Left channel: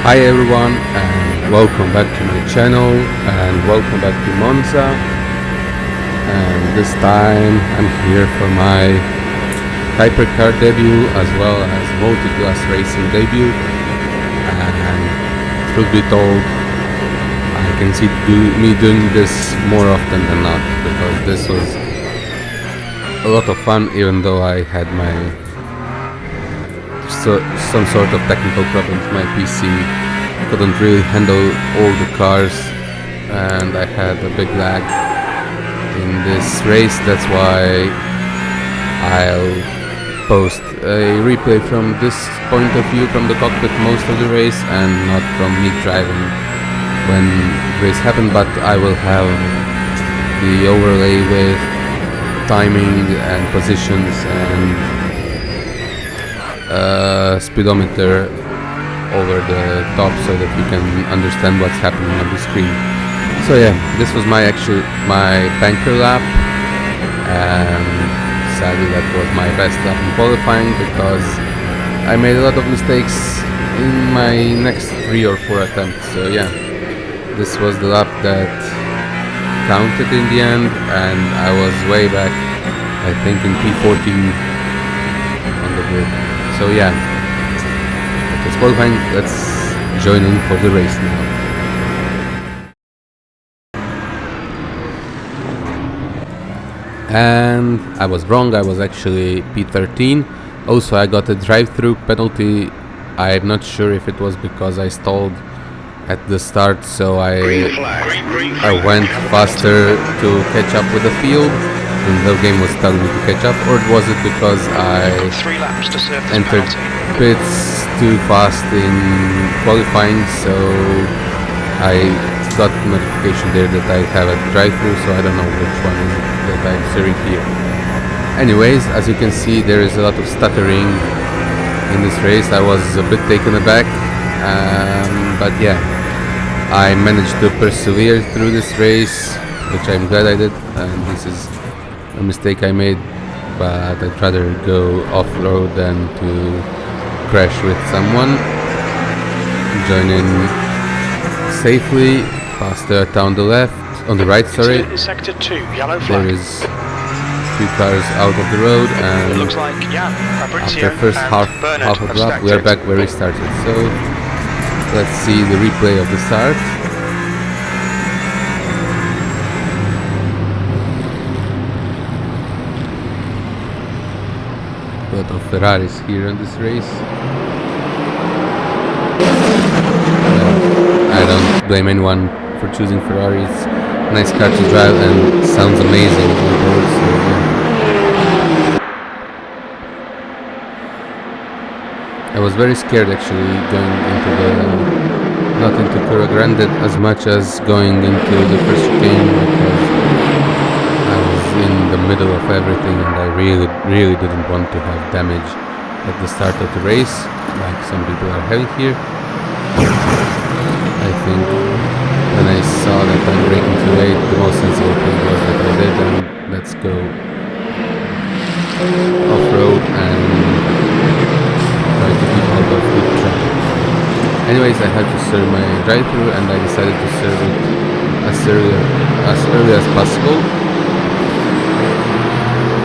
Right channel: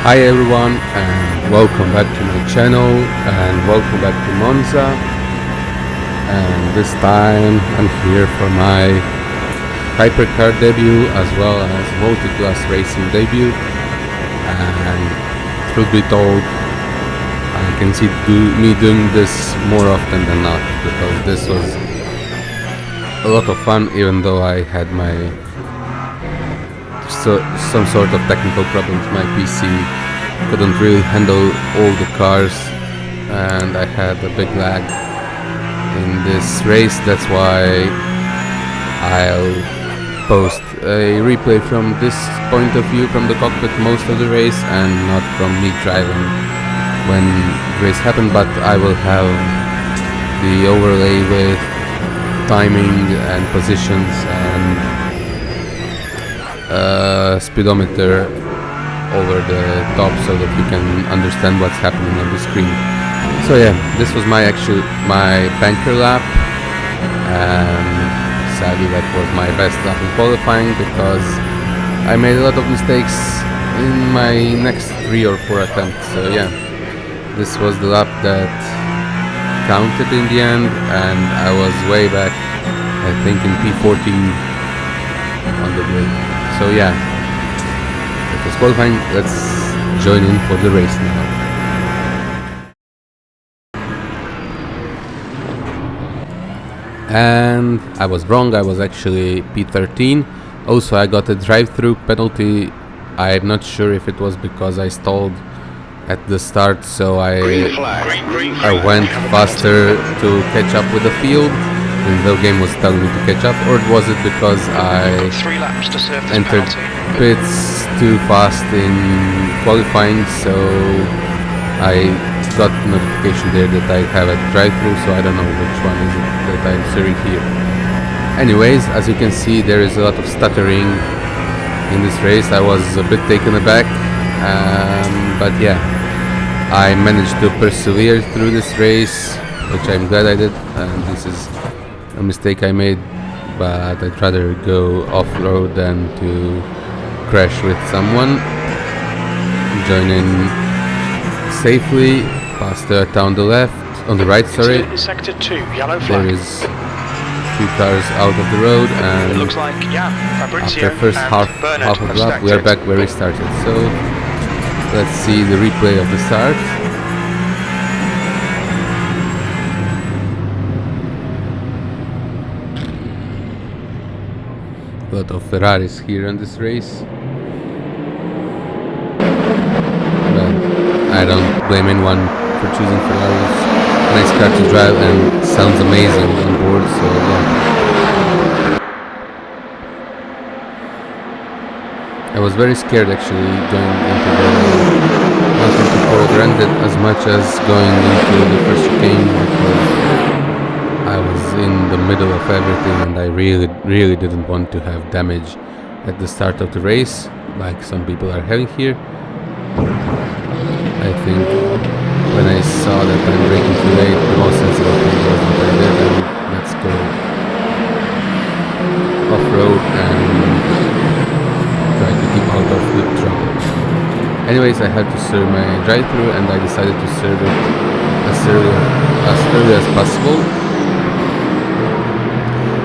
Hi everyone and welcome back to my channel and welcome back to Monza, and this time I'm here for my Hypercar debut as well as Multiclass racing debut, and truth be told I can see me doing this more often than not because this was a lot of fun, even though I had some sort of technical problems. My PC couldn't really handle all the cars and I had a big lag in this race. That's why I'll post a replay from this point of view from the cockpit most of the race and not from me driving when the race happened, but I will have the overlay with timing and positions and speedometer over the top so that you can understand what's happening on the screen. So yeah, this was my banker lap, and sadly that was my best lap in qualifying because I made a lot of mistakes in my next 3 or 4 attempts. So yeah, this was the lap that counted in the end, and I was way back, I think in P14 on the grid. So yeah, that was qualifying. Let's join in for the race now. And I was wrong, I was actually P13. Also I got a drive-through penalty. I'm not sure if it was because I stalled at the start, so I went faster to catch up with the field, and the game was telling me to catch up, or was it because I entered pits too fast in qualifying, so I got notification there that I have a drive-through, so I don't know which one is it that I'm serving here. Anyways, as you can see, there is a lot of stuttering in this race. I was a bit taken aback, but yeah, I managed to persevere through this race, which I'm glad I did, and this is a mistake I made, but I'd rather go off-road than to crash with someone. Join in safely, past the on the left, on the right, sorry. Sector 2, yellow flag. There is a few cars out of the road, and it looks like after first half of the lap we are back where we started. So let's see the replay of the start. A lot of Ferraris here in this race. Well, I don't blame anyone for choosing Ferraris. Nice car to drive and sounds amazing on board, so yeah. I was very scared actually going into not into Coro Grande as much as going into the first chicane, because I was in the middle of everything and I really didn't want to have damage at the start of the race like some people are having here. I think when I saw that I'm braking too late, the most sensible thing was that I did, and let's go off-road and try to keep out of the trouble. Anyways, I had to serve my drive-through and I decided to serve it as early as possible.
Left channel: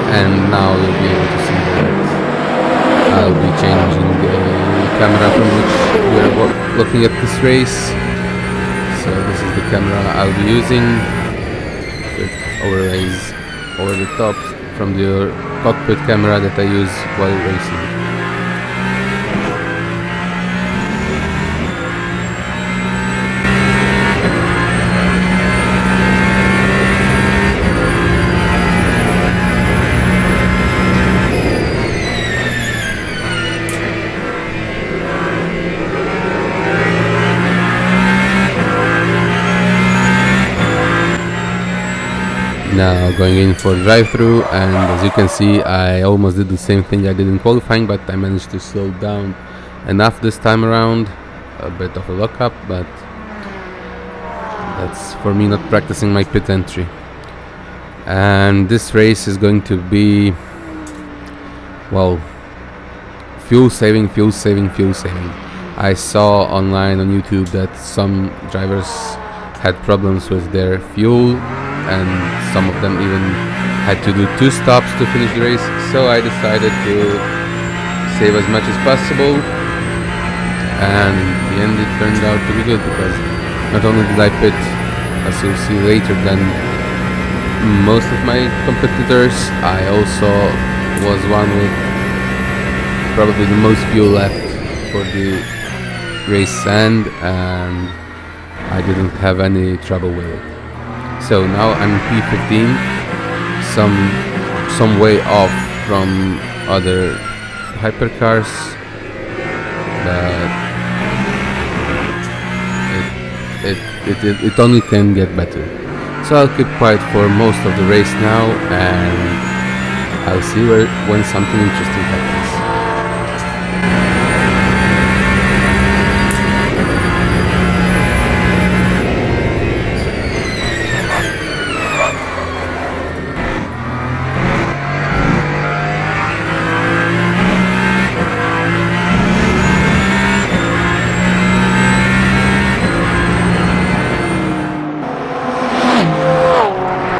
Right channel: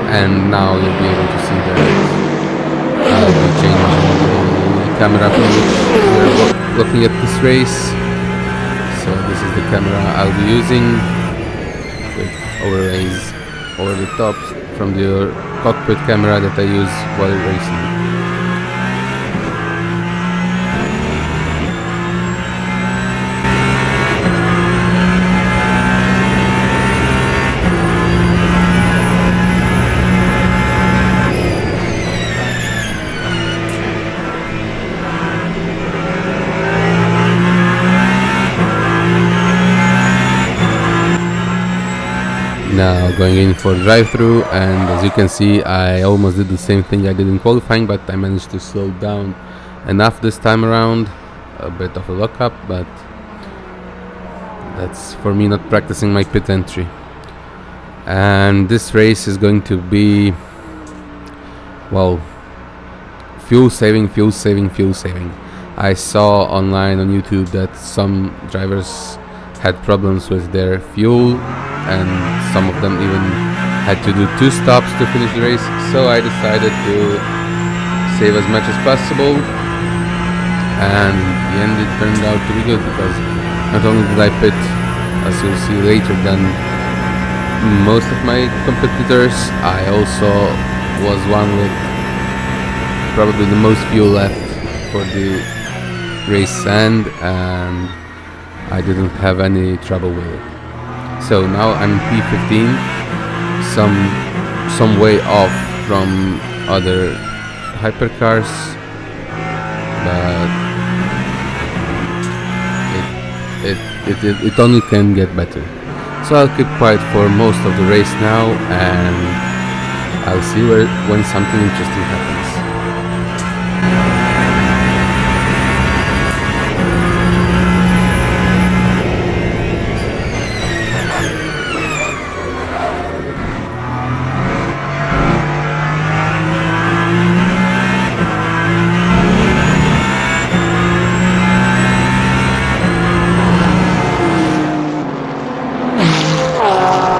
And now you'll be able to see that I'll be changing the camera from which we are looking at this race. So this is the camera I'll be using with overlays over the top from the cockpit camera that I use while racing. Now going in for drive-through, and as you can see I almost did the same thing I did in qualifying, but I managed to slow down enough this time around. A bit of a lockup, but that's for me not practicing my pit entry. And this race is going to be, well, fuel saving. I saw online on YouTube that some drivers had problems with their fuel, and some of them even had to do 2 stops to finish the race. So I decided to save as much as possible, and in the end it turned out to be good, because not only did I pit, as you'll see later, than most of my competitors, I also was one with probably the most fuel left for the race end, and I didn't have any trouble with it. So now I'm P15, some way off from other hypercars, but it only can get better. So I'll keep quiet for most of the race now, and I'll see when something interesting happens.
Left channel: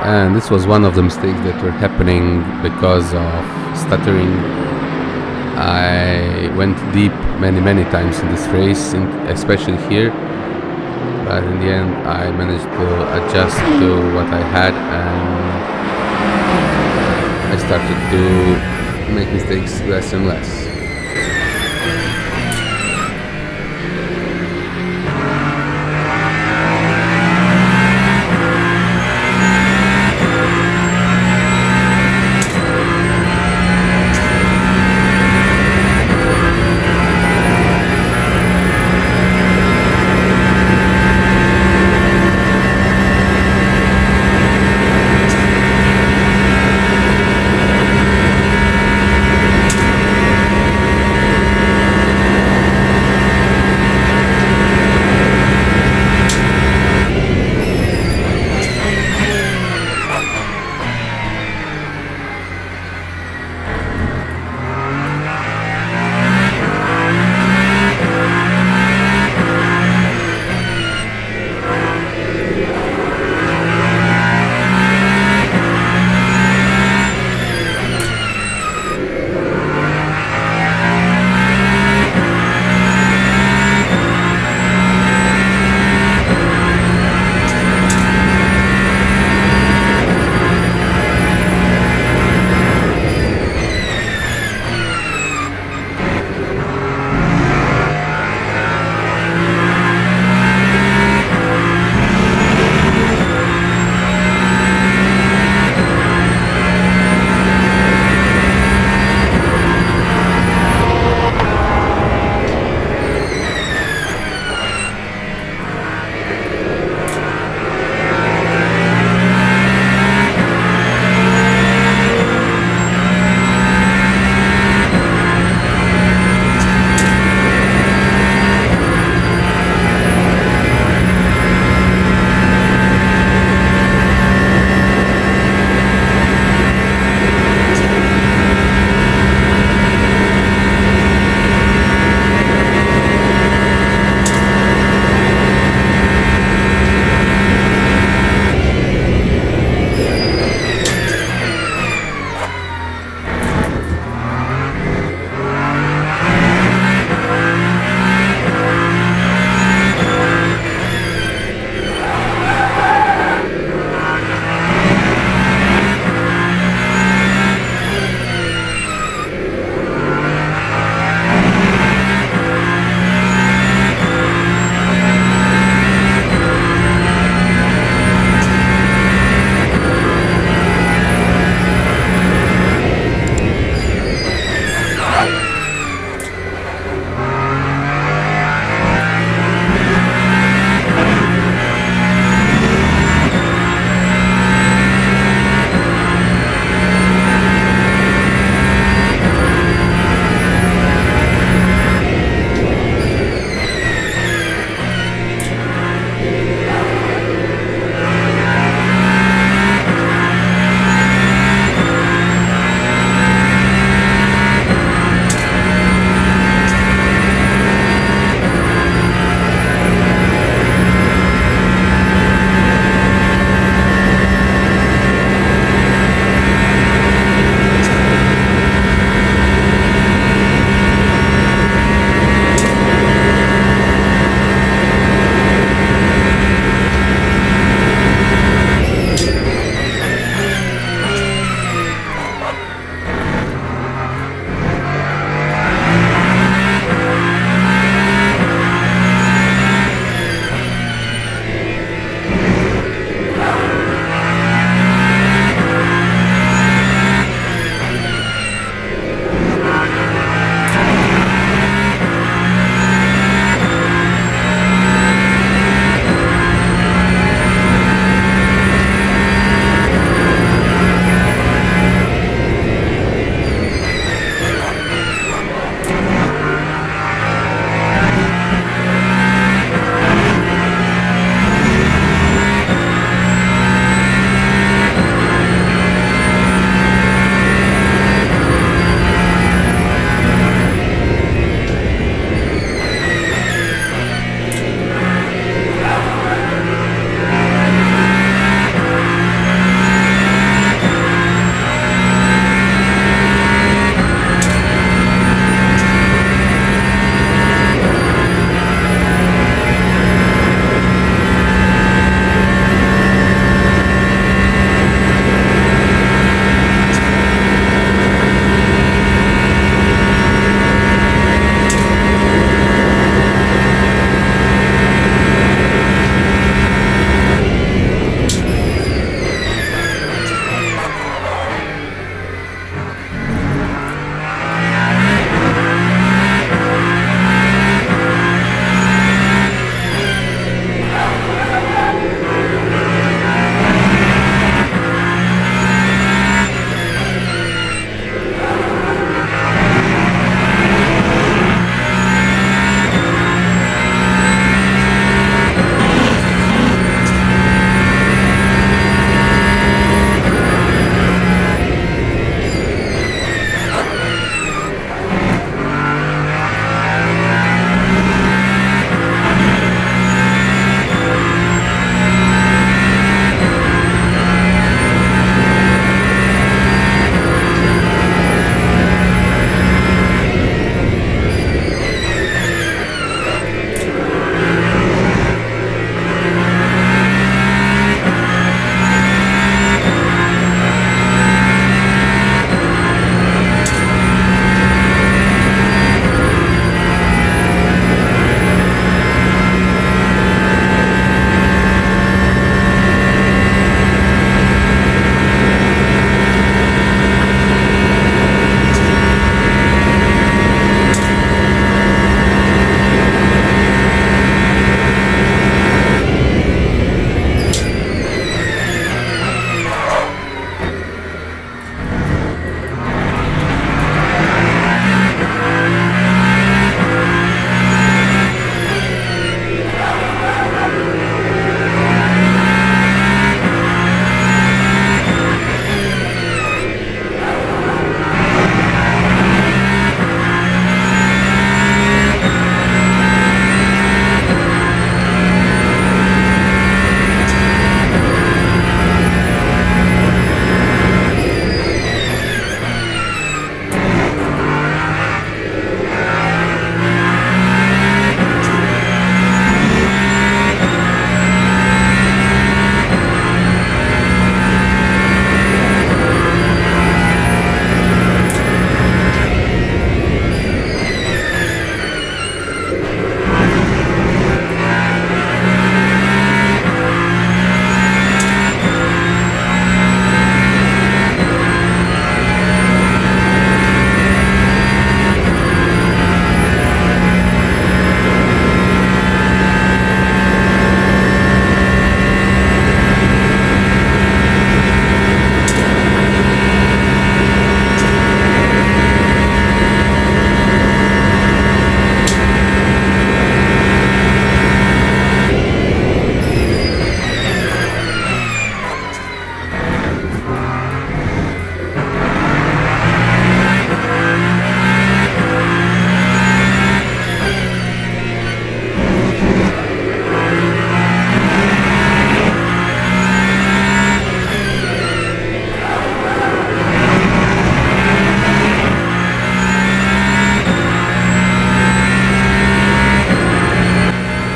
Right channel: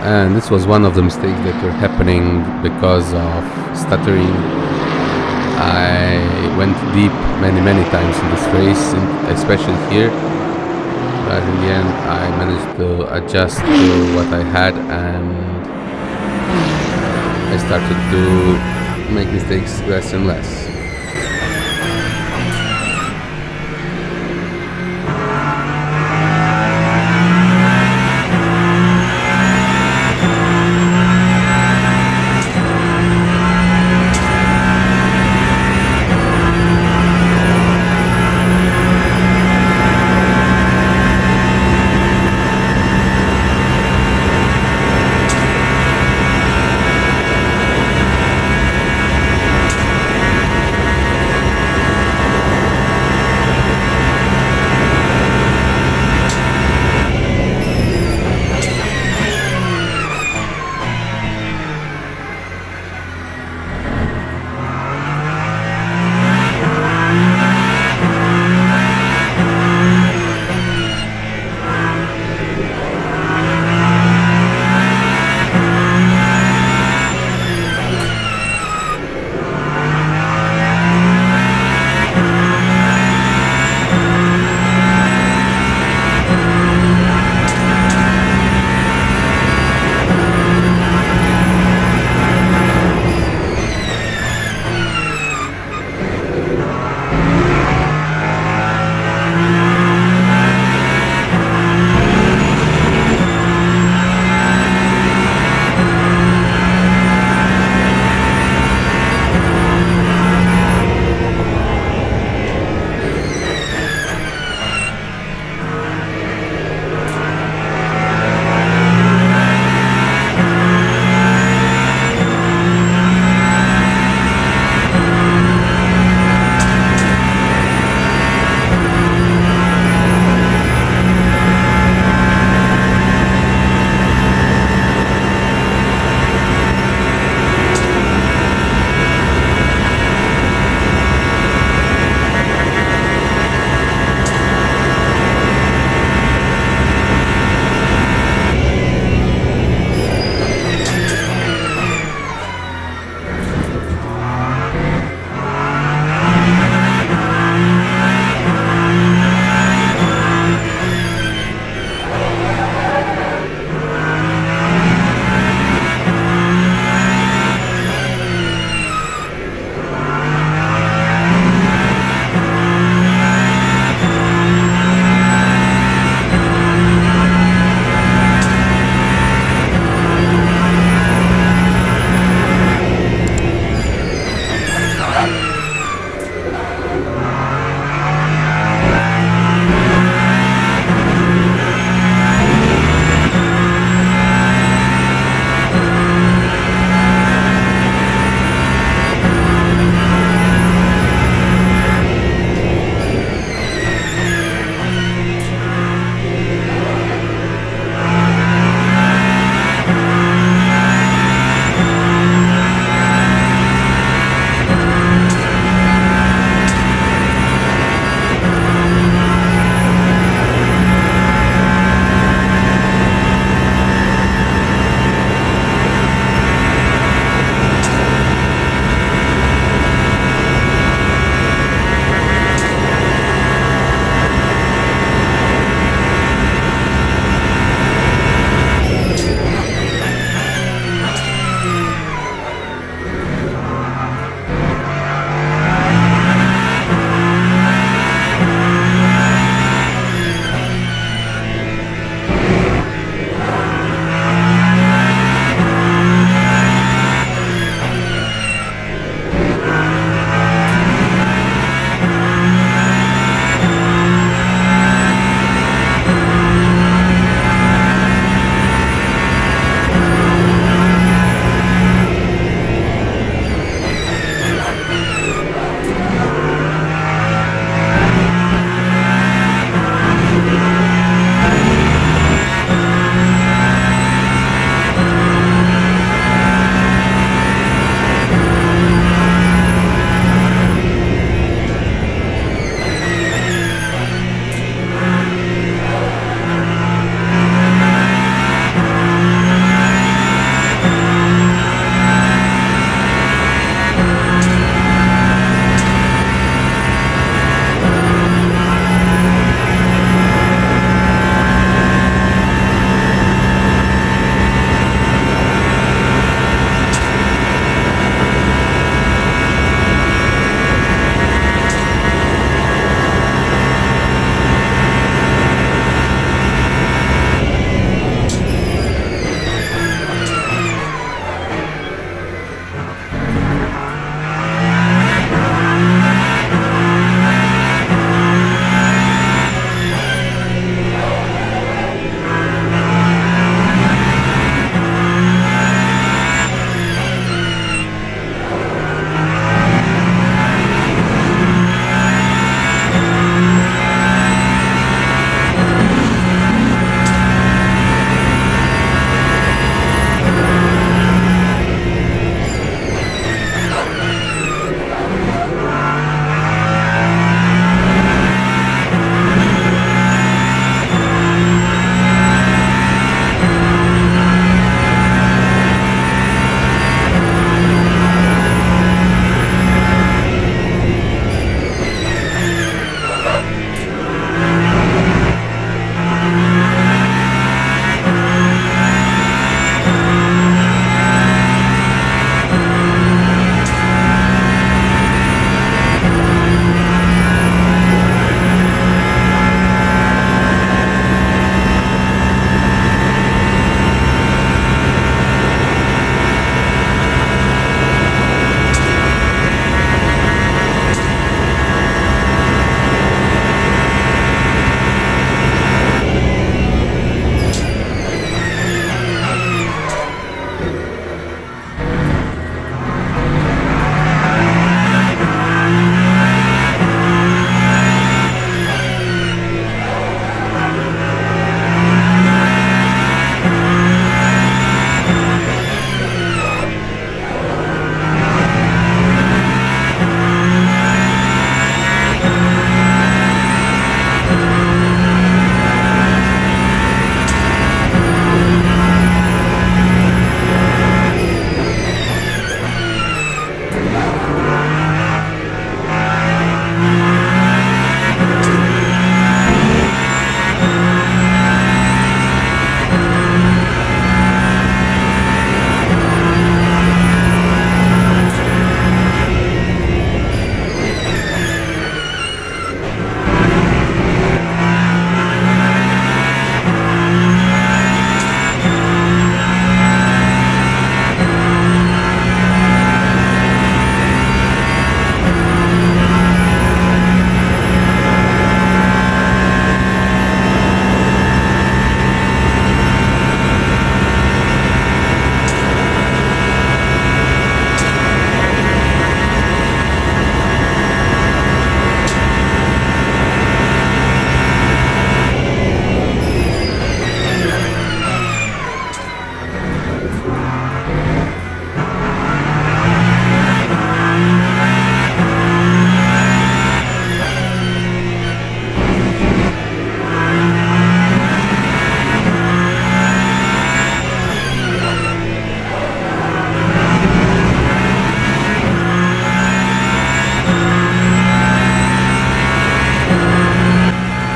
And this was one of the mistakes that were happening because of stuttering. I went deep many times in this race, especially here, but in the end I managed to adjust to what I had, and I started to make mistakes less and less.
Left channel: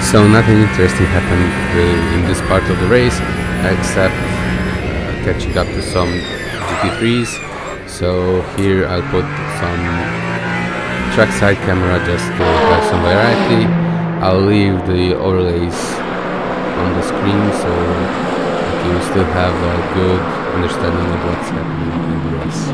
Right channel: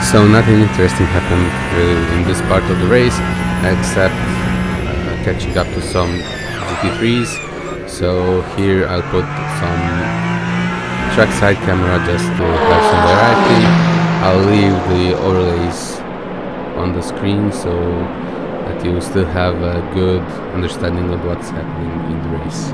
So nothing interesting happened really in this part of the race, except catching up to some GT3s. So here I'll put some trackside camera just to have some variety. I'll leave the overlays on the screen so that you still have a good understanding of what's happening in the race.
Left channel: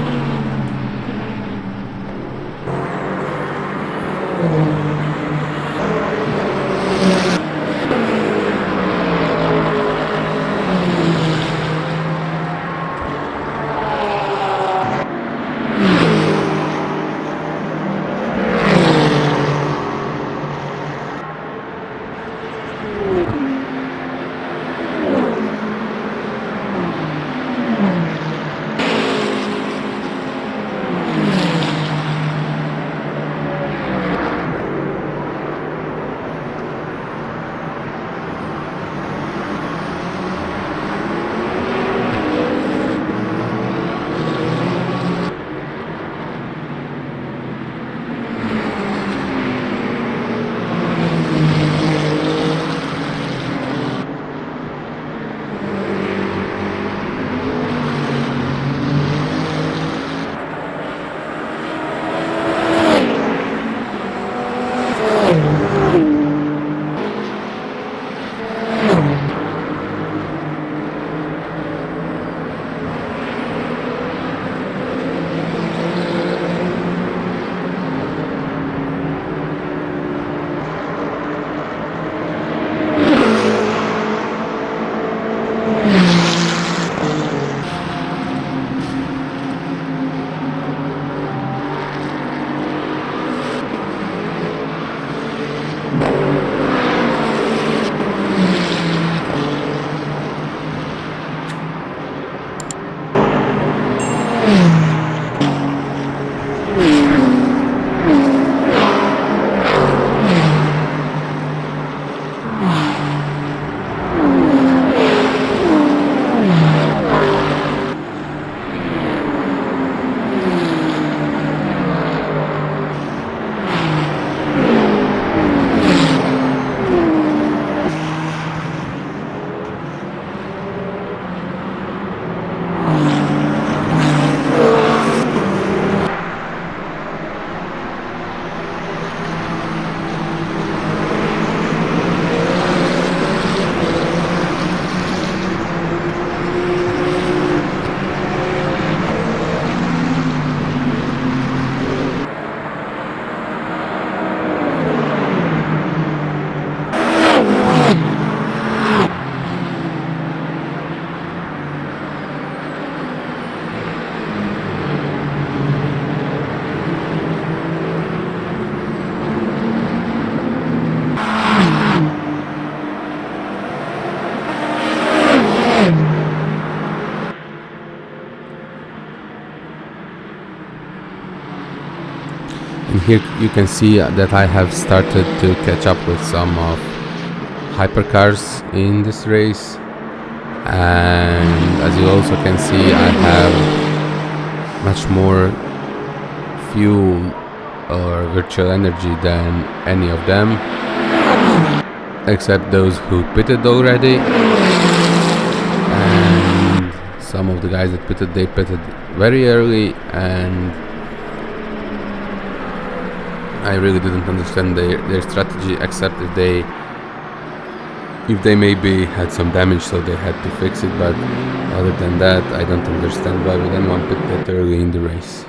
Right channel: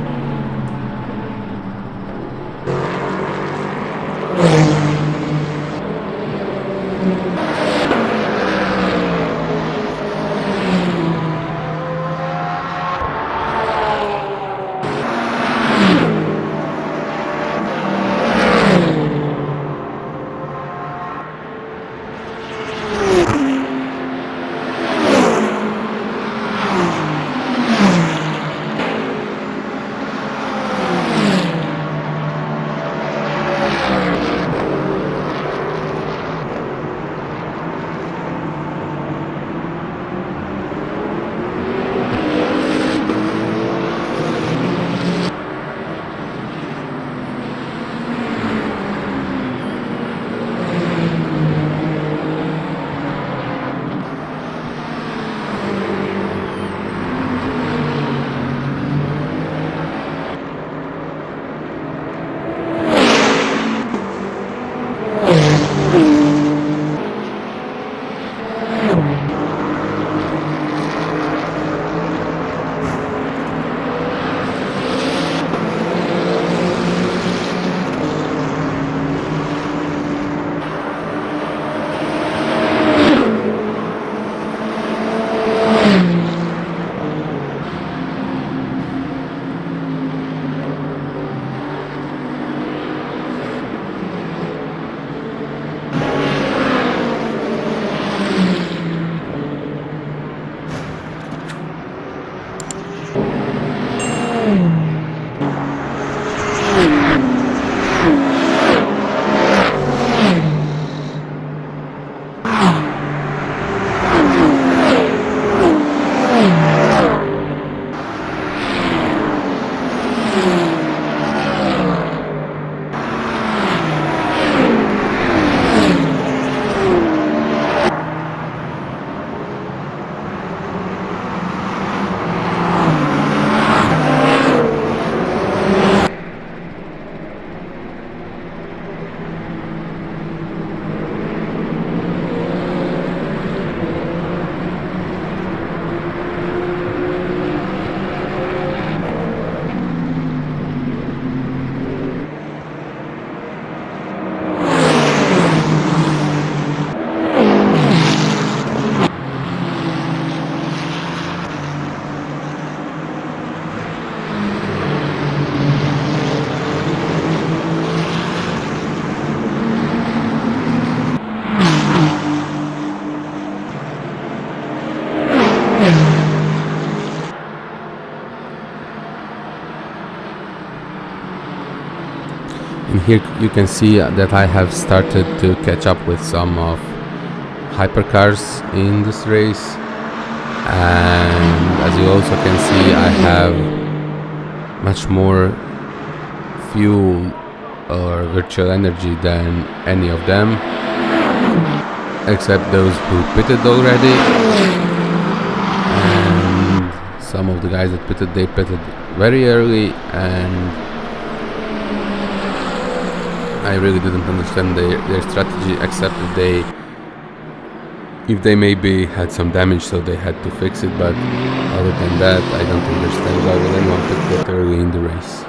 And here you can see that I have started to catch up with some of hypercars in this race, and as you also can see, I have much more fuel or virtual energy than any of them, except those who pitted already. And some of the guys that pitted, they pitted very early, and I really didn't understand their strategy, except if they maybe had some damage, so they had to fix it. But other than that, I don't understand why would anyone pit that early in the race.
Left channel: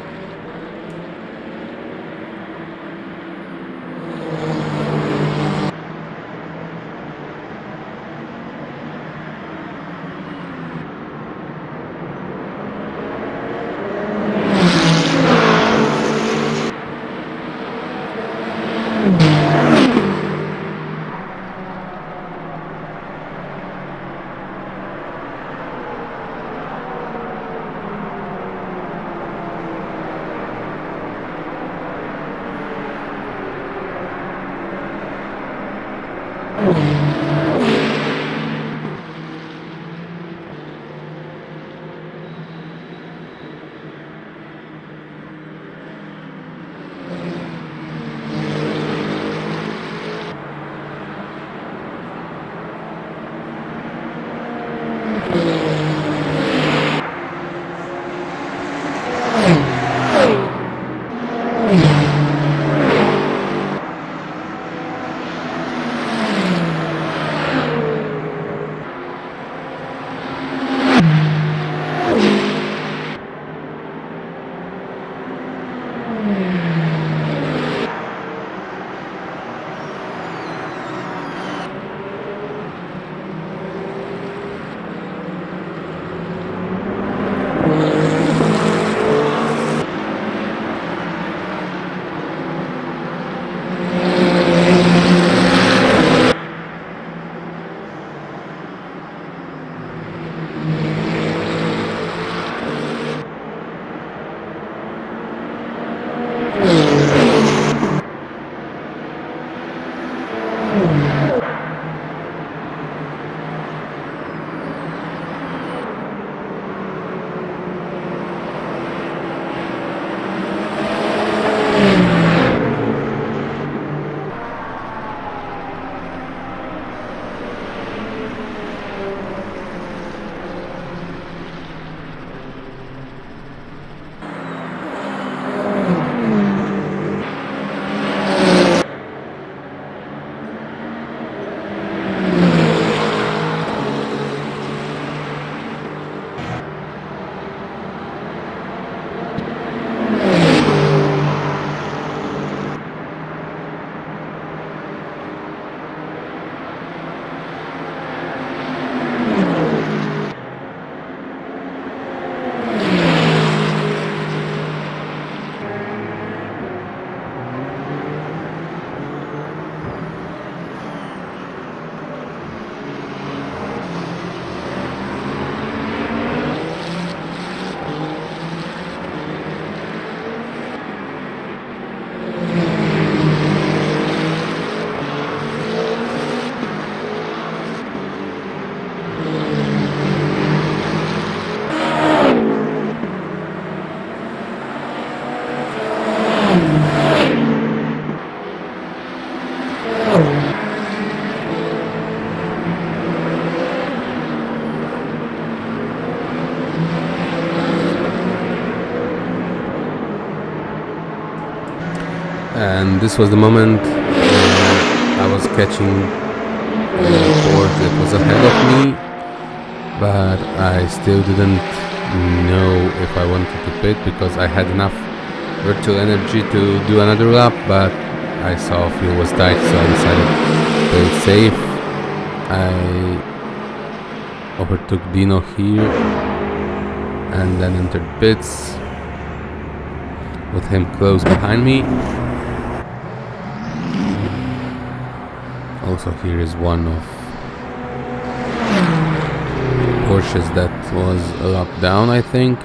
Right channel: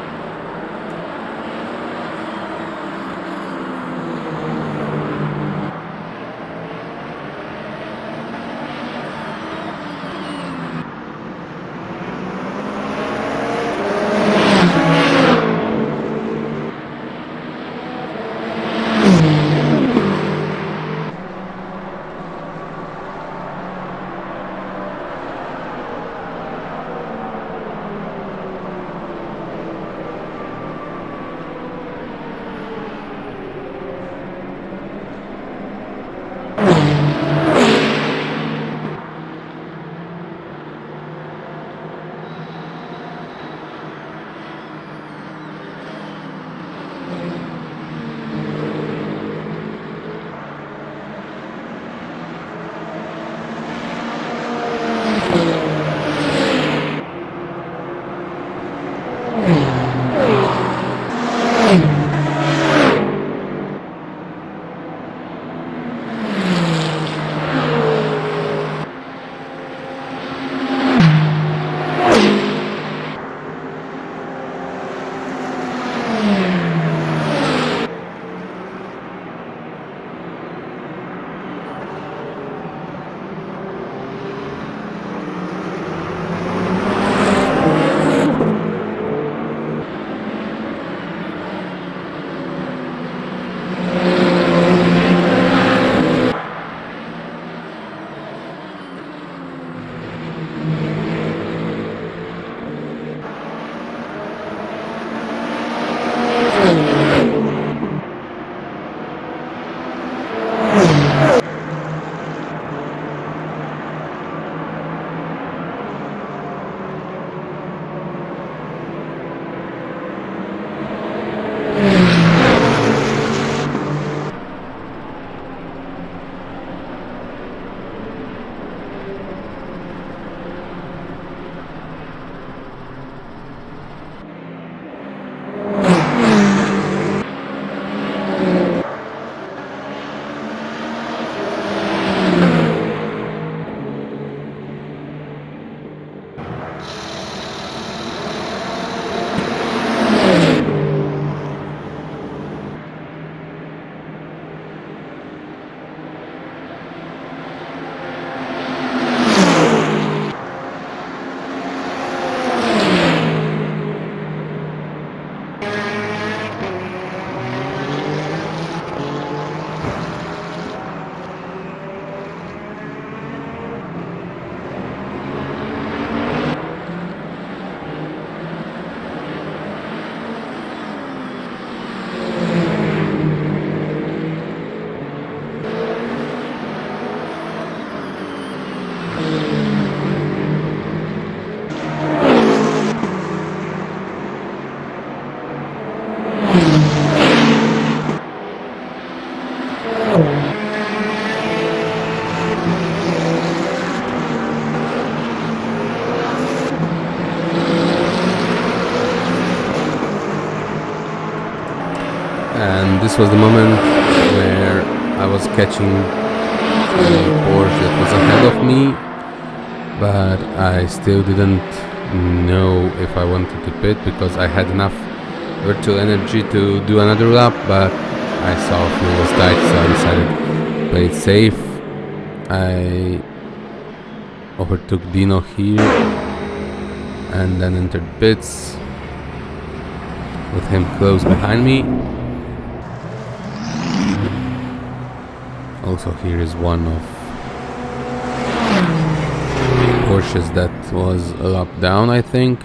and this was the moment where I was catching the Porsche that was ahead of me, but I still didn't know if I wanted to pit because I had enough virtual energy to do another lap, but I saw fuel was tight, so I decided to play it safe. I overtook Dino here and then entered pits with him close behind me. Also here is one of Porsches that was a lap down, I think.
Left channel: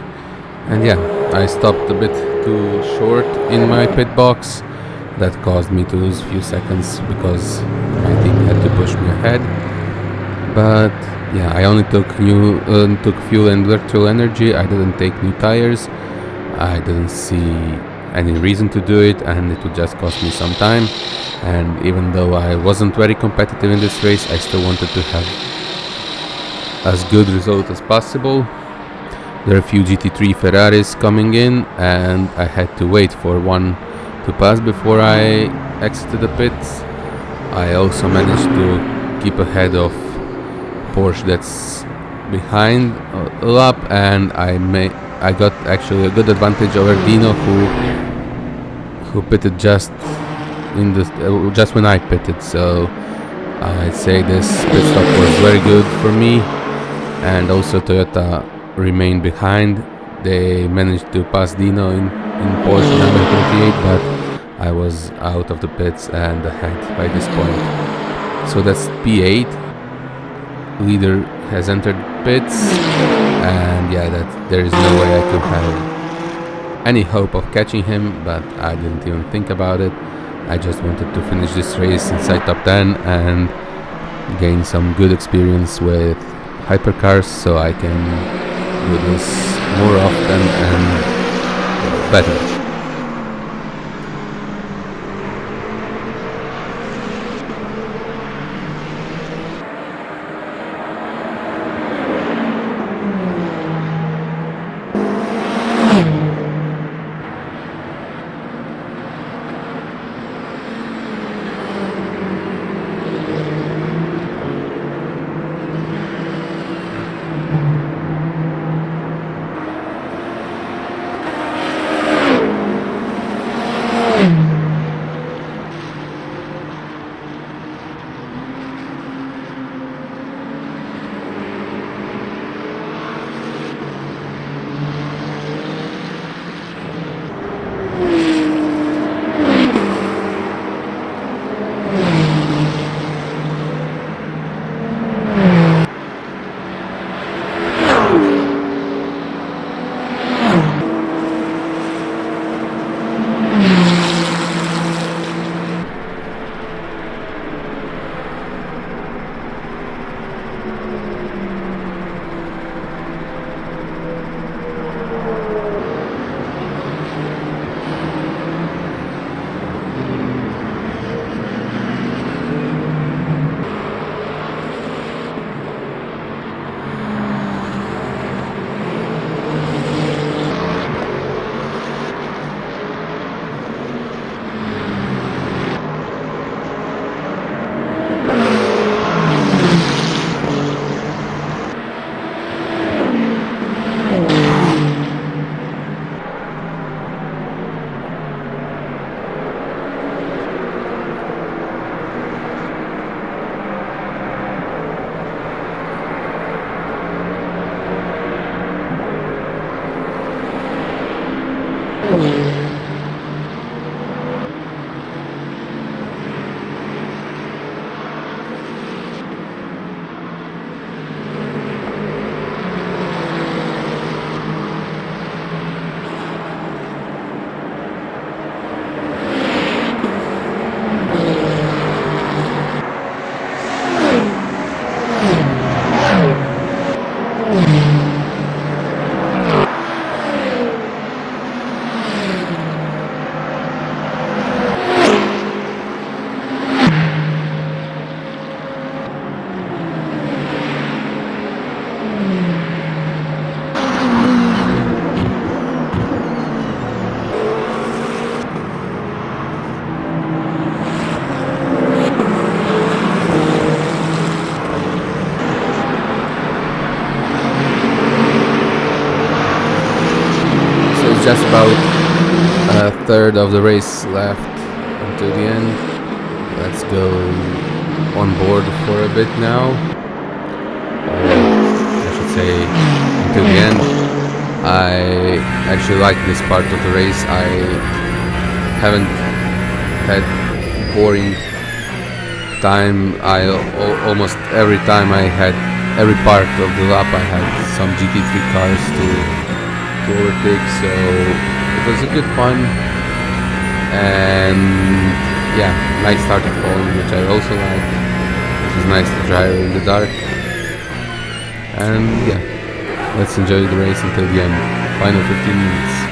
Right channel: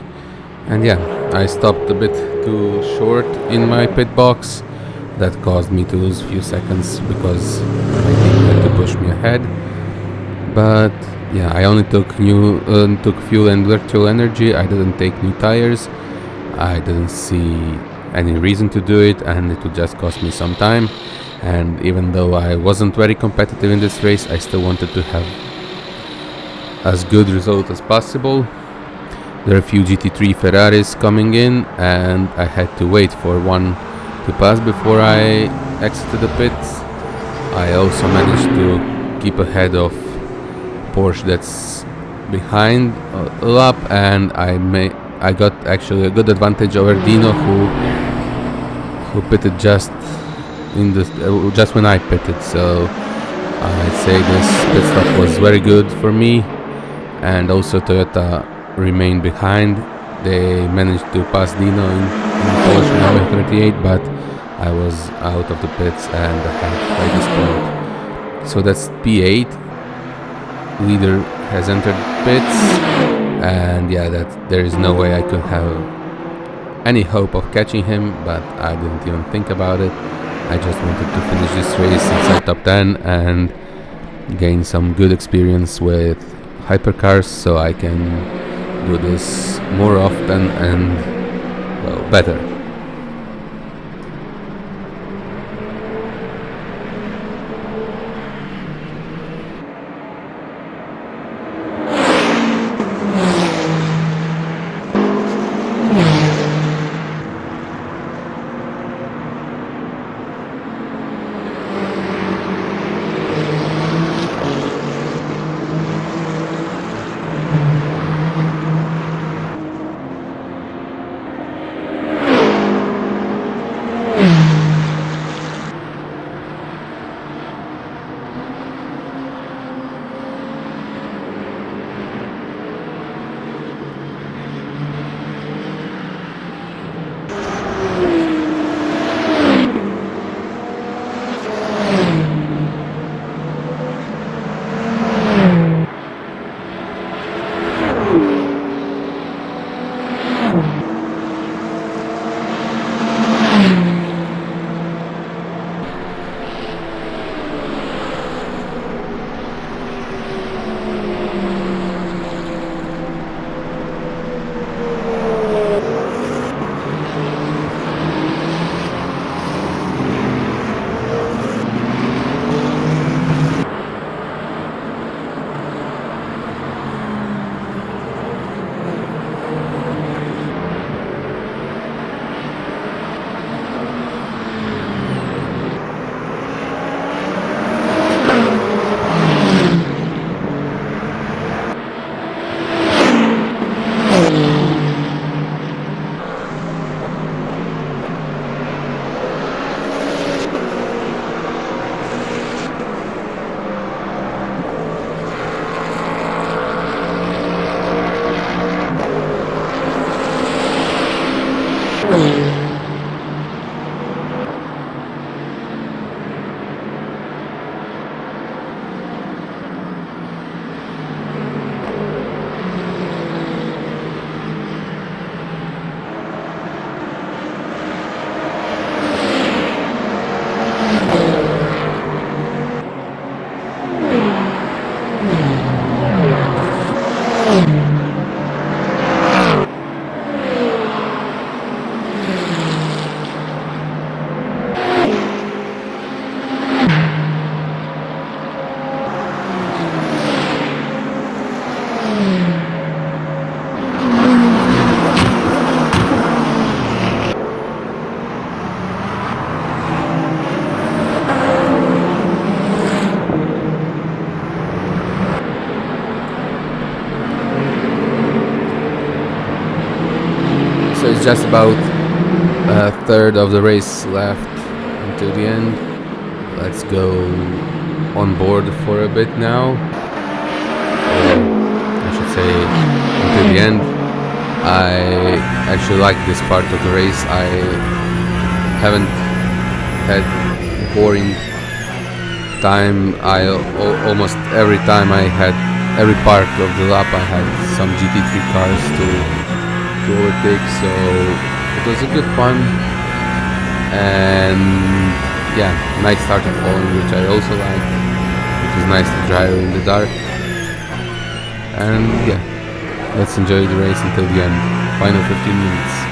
And yeah, I stopped a bit too short in my pit box. That caused me to lose a few seconds because my team had to push me ahead. But yeah, I only took fuel and virtual energy. I didn't take new tires. I didn't see any reason to do it, and it would just cost me some time. And even though I wasn't very competitive in this race, I still wanted to have as good result as possible. There are a few GT3 Ferraris coming in, and I had to wait for one to pass before I exited the pits. I also managed to keep ahead of Porsche that's behind a lap, and I got actually a good advantage over Dino, who pitted just when I pitted. So I'd say this pit stop was very good for me. And also Toyota remained behind. They managed to pass Dino in Porsche number 38, but I was out of the pits and ahead by this point. So that's P8. Leader has entered pits, and yeah, that there is no way I could have any hope of catching him, but I didn't even think about it. I just wanted to finish this race inside top 10 and gain some good experience with hypercars, so I can do this more often and, well, better. There's just about a third of the race left until the end. Let's go on board for a bit now, or I should say until the end. I actually like this part of the race. I haven't had boring time. Almost every time I had every part of the lap I had some GT3 cars to overtake, so it was a good fun. And yeah, night started falling, which I also liked. It was nice to drive in the dark. And yeah, let's enjoy the race until the end. Final 15 minutes.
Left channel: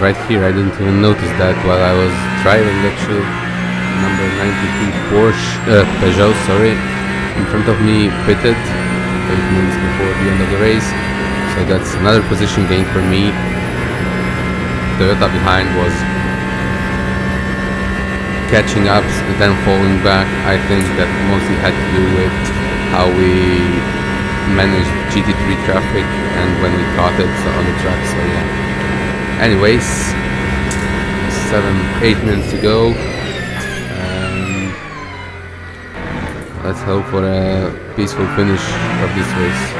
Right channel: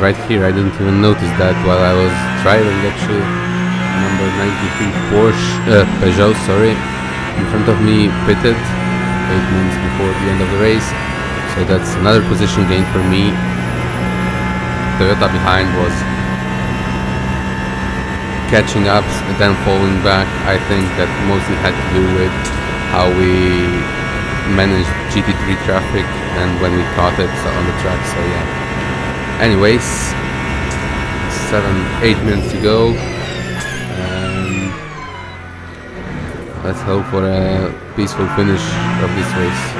right here. I didn't even notice that while I was driving actually. Number 93 Peugeot, sorry, in front of me pitted 8 minutes before the end of the race. So that's another position gain for me. Toyota behind was catching up, then falling back. I think that mostly had to do with how we managed GT3 traffic and when we caught it on the track, so yeah. Anyways, 8 minutes to go. Let's hope for a peaceful finish of this race.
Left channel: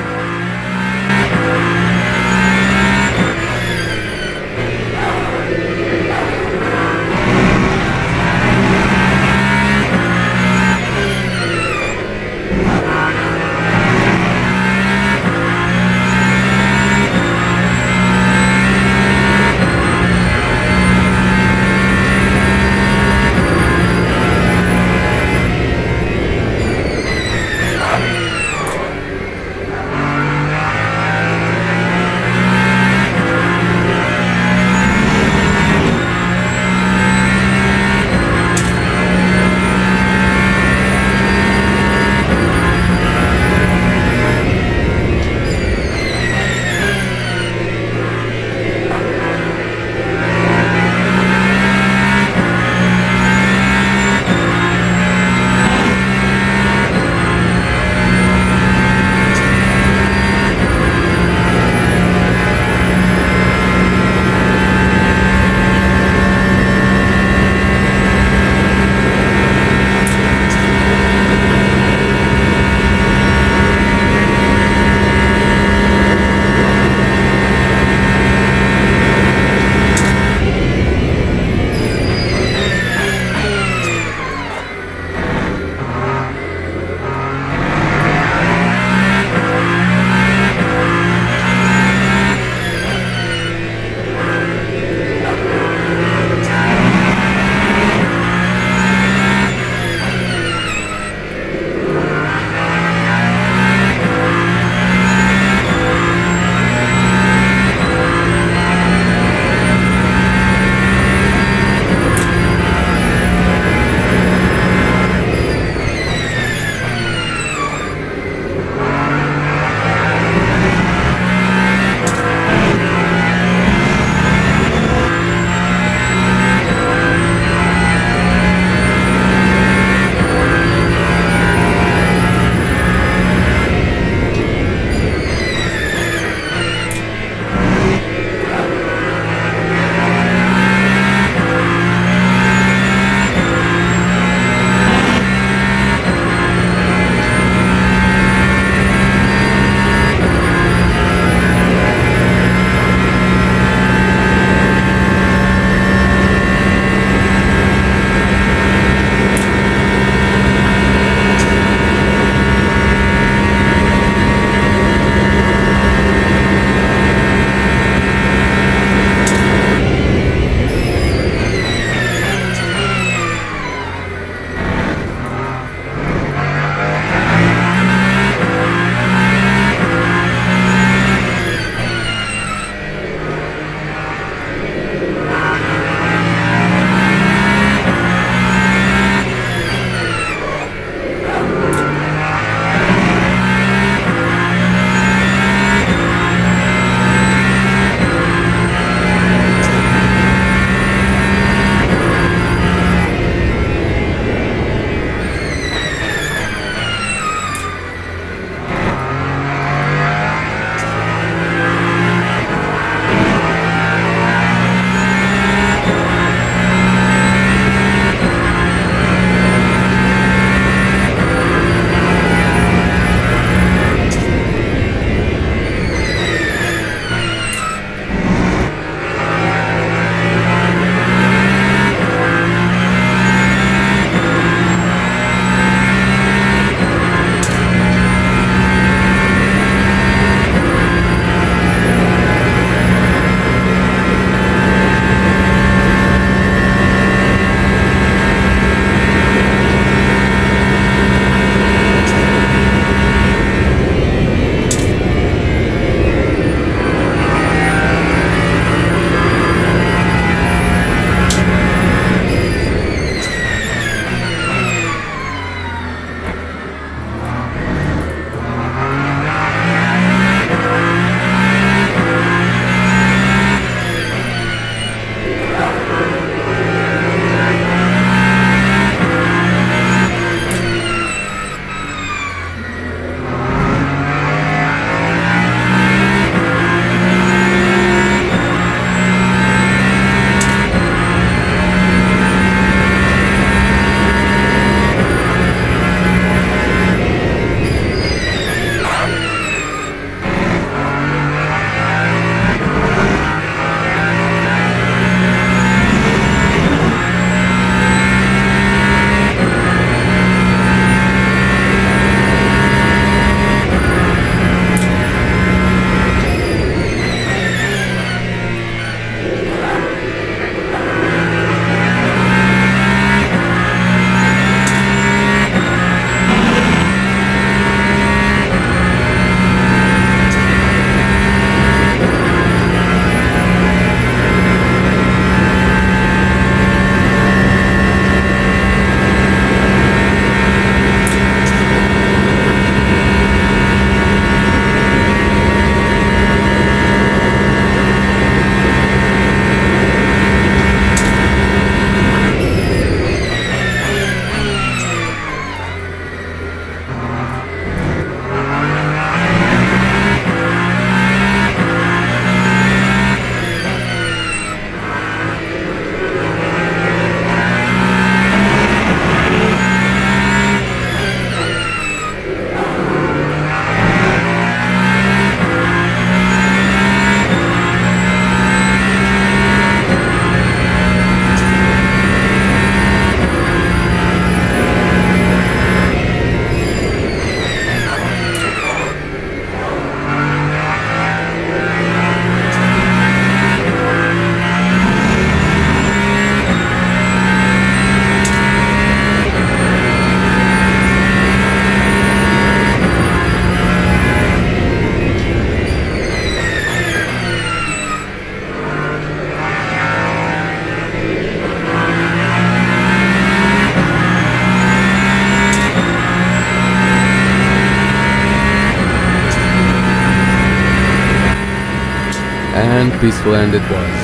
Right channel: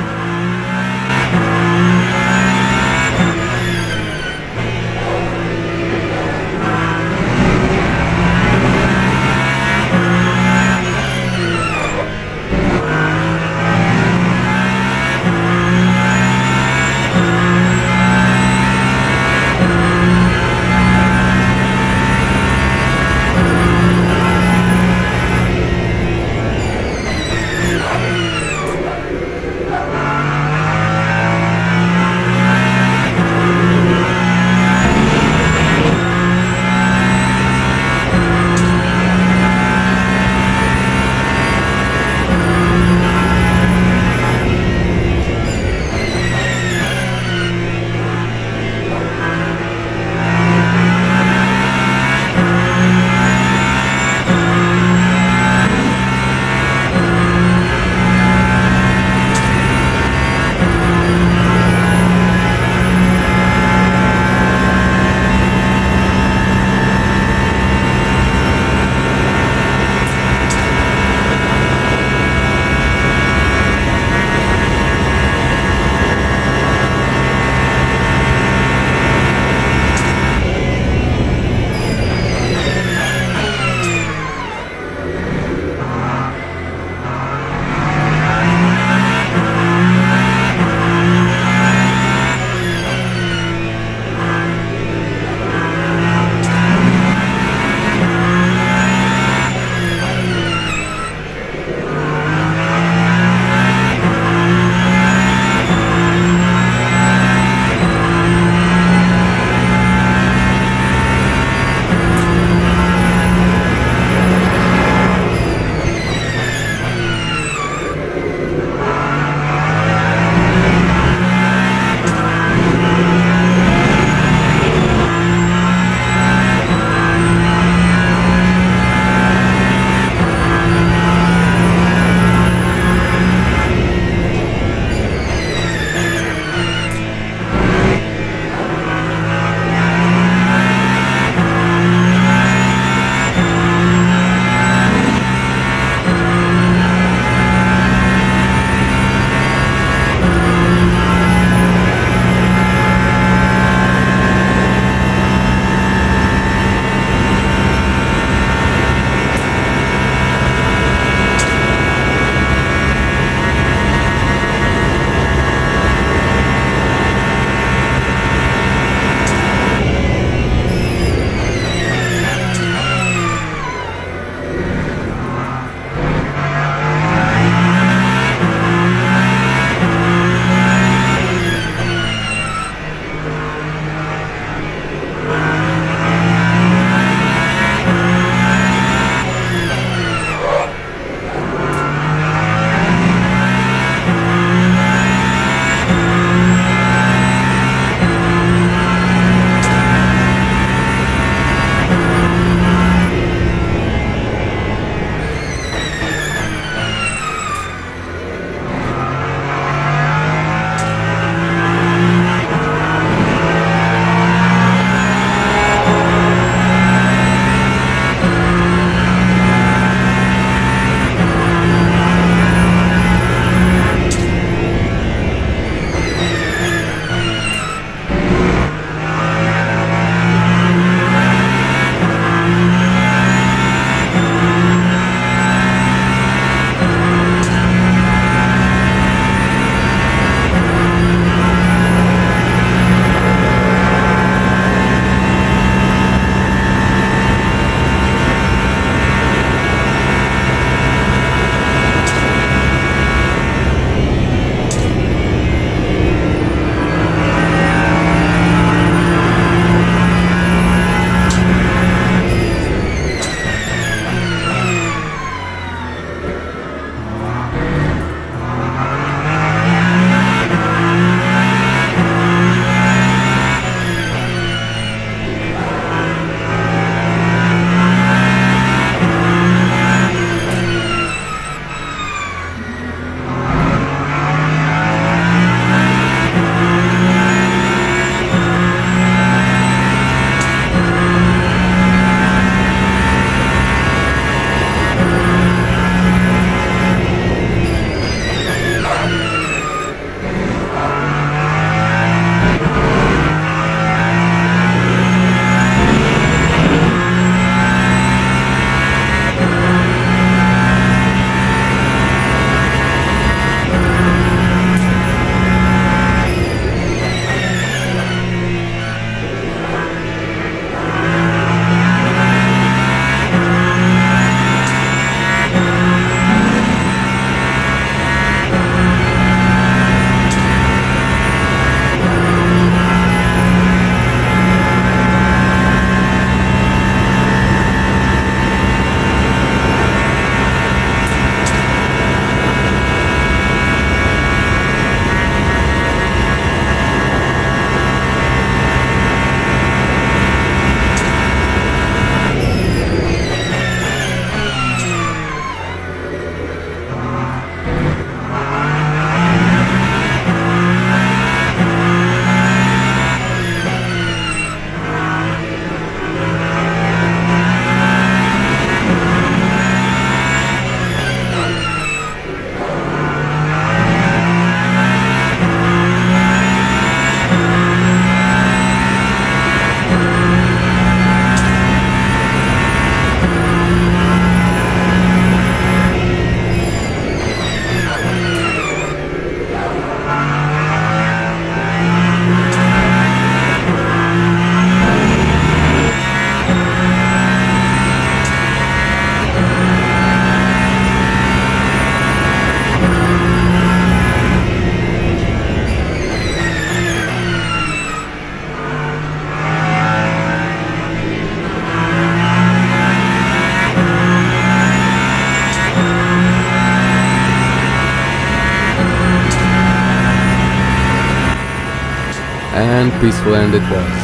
and peaceful end it was.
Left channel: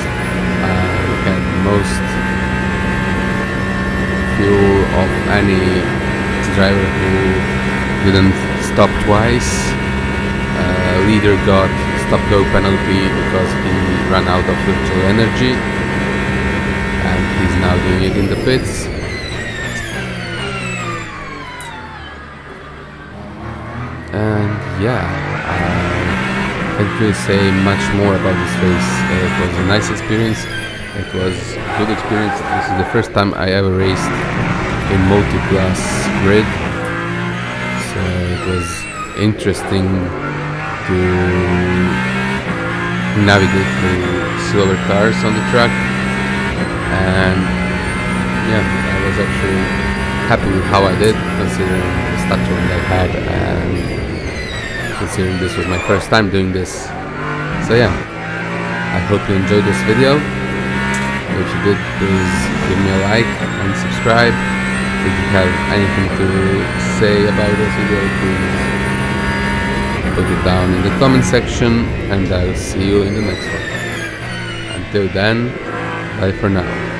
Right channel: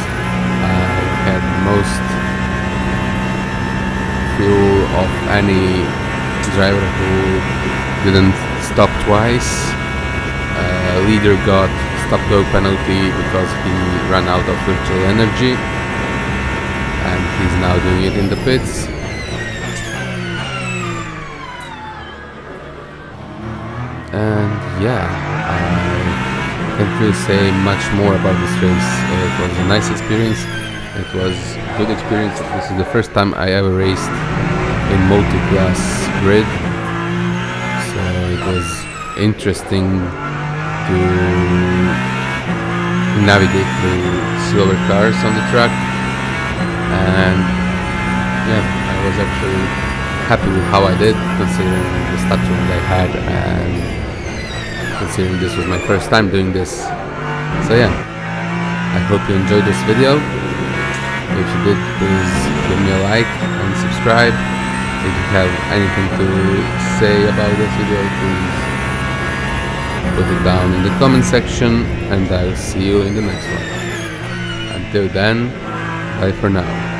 I had most fuel of any driver who didn't stop twice. Leader got stop-go penalty because he ran out of virtual energy, and he's now doing it in the pits. And yeah, I can't really say much more about this race. It was a nice experience. It was a good experience. This is the first time I ever raced in multi-class grid, so it was interesting to navigate through slower cars on the track, and yeah, I was actually happy with how I did, considering the stuttering I had and considering this was my first time doing this. So yeah, I hope you enjoyed this video. If you did, please give me a like and subscribe. If you have anything to say about this video, please put it down in the comment section, and I'll see you in the next one. Until then, bye for now.